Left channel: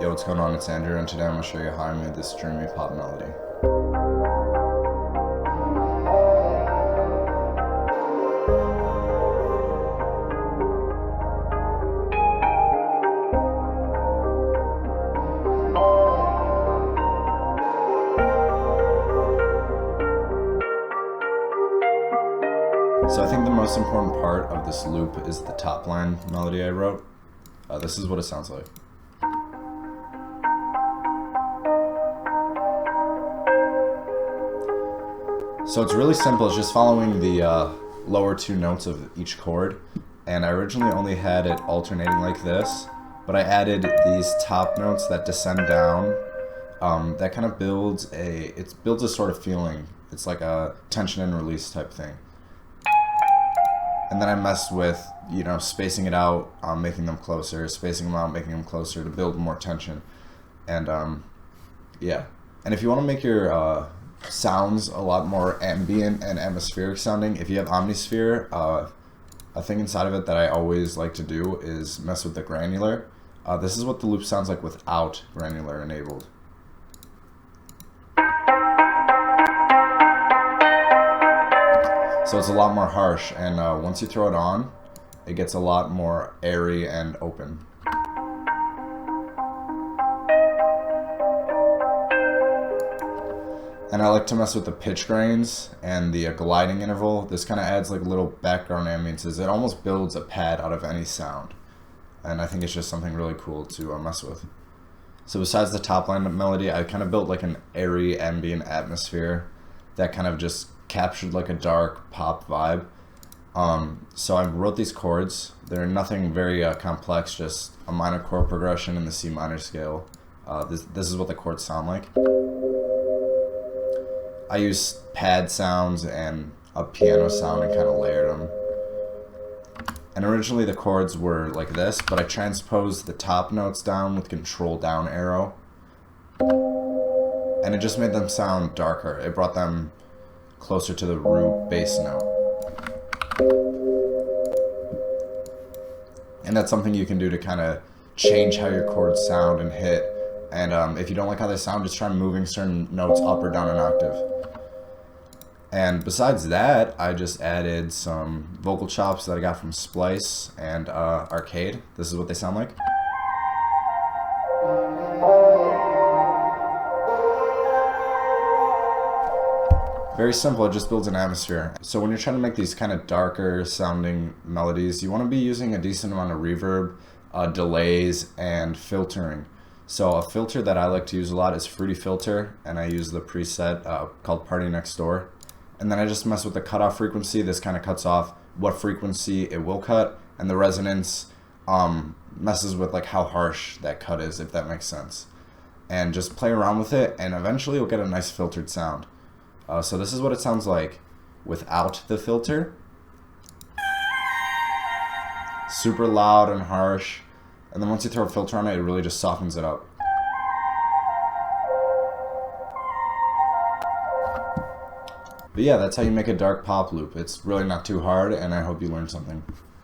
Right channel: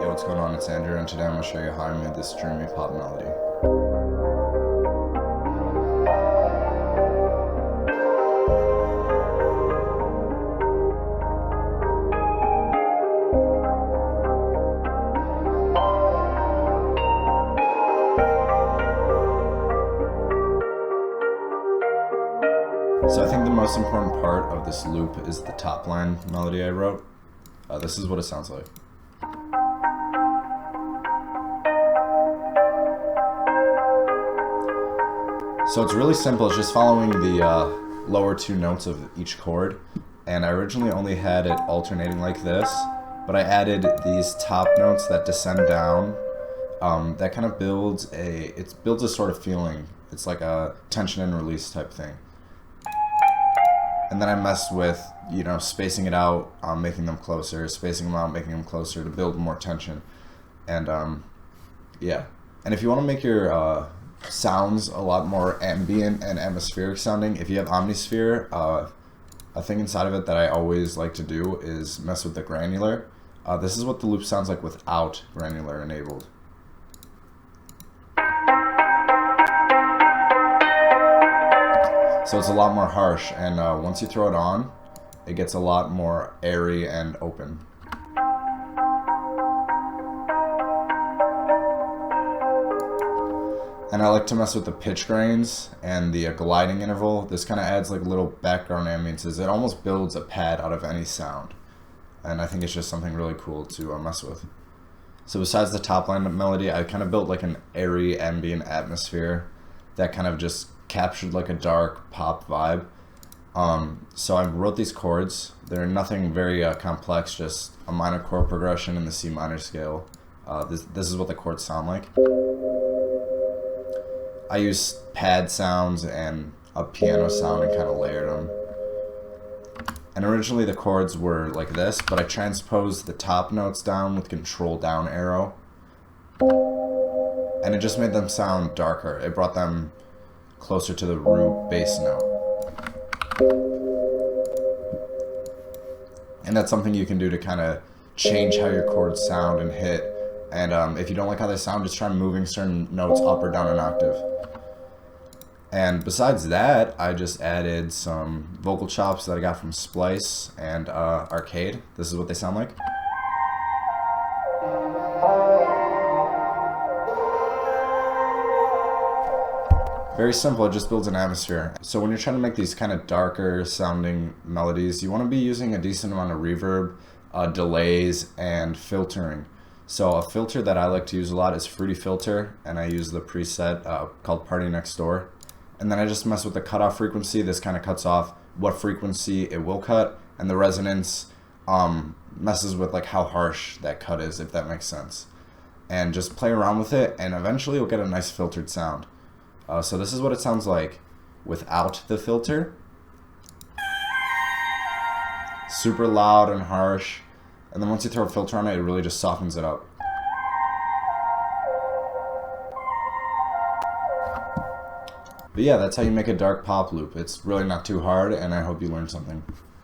Yo, what's going on? It's Andrew, and today I'm going to show you how I made this dreamy pop melody. So I think the most important part of this loop is the top line melody I wrote. This is what it sounds like. So it's really simple, it's just following the lower two notes of each chord. And I originally only had it alternating like this, but I added these top notes that descend down. That kind of builds a sort of feeling. It's like a tension and release type thing. And then I messed with, spacing it out, making them closer, spacing them out, making them closer to build more tension. And yeah. And if you want to make your sounds a lot more ambient and atmospheric sounding, if you have Omnisphere, a thing inside of it that I always like to do is mess with the granular. This is what the loop sounds like without granular enabled. So it's a lot more harsh, and once you throw it on, it gets a lot more airy and open. And I like to mess with the pitch grains and the gliding interval. This kind of adds like little background ambiances. It almost builds a pad out of any sound. And I think it's just something really cool to mess with. So besides the top line melody, I kind of built like an airy ambient atmosphere that kind of just captured like a dark pop vibe. So I wrote these chords. They're nothing very complex, just a minor chord progression in the C minor scale. This is what the chords sound like. I used pad sounds and a piano sound and kind of layered them. And originally the chords were like this, but I transposed the top notes down with control down arrow. And it just made them sound darker. It brought them closer to the root bass note. And that's something you can do to kind of change how your chords sound and hit. And if you don't like how they sound, just try moving certain notes up or down an octave. And besides that, I just added some vocal chops that I got from Splice and Arcade. This is what they sound like. Very simple, it just builds an atmosphere. So when you're trying to make these kind of darker sounding melodies, you want to be using a decent amount of reverb, delays, and filtering. So a filter that I like to use a lot is Fruity Filter, and I use the preset called Party Next Door. And then I just mess with the cutoff frequency. This kind of cuts off what frequency it will cut, and the resonance messes with like how harsh that cut is, if that makes sense. And just play around with it, and eventually you'll get a nice filtered sound. So this is what it sounds like without the filter. Super loud and harsh. And then once you throw a filter on it, it really just softens it up. But yeah, that's how you make a dark pop loop. It's really not too hard, and I hope you learned something.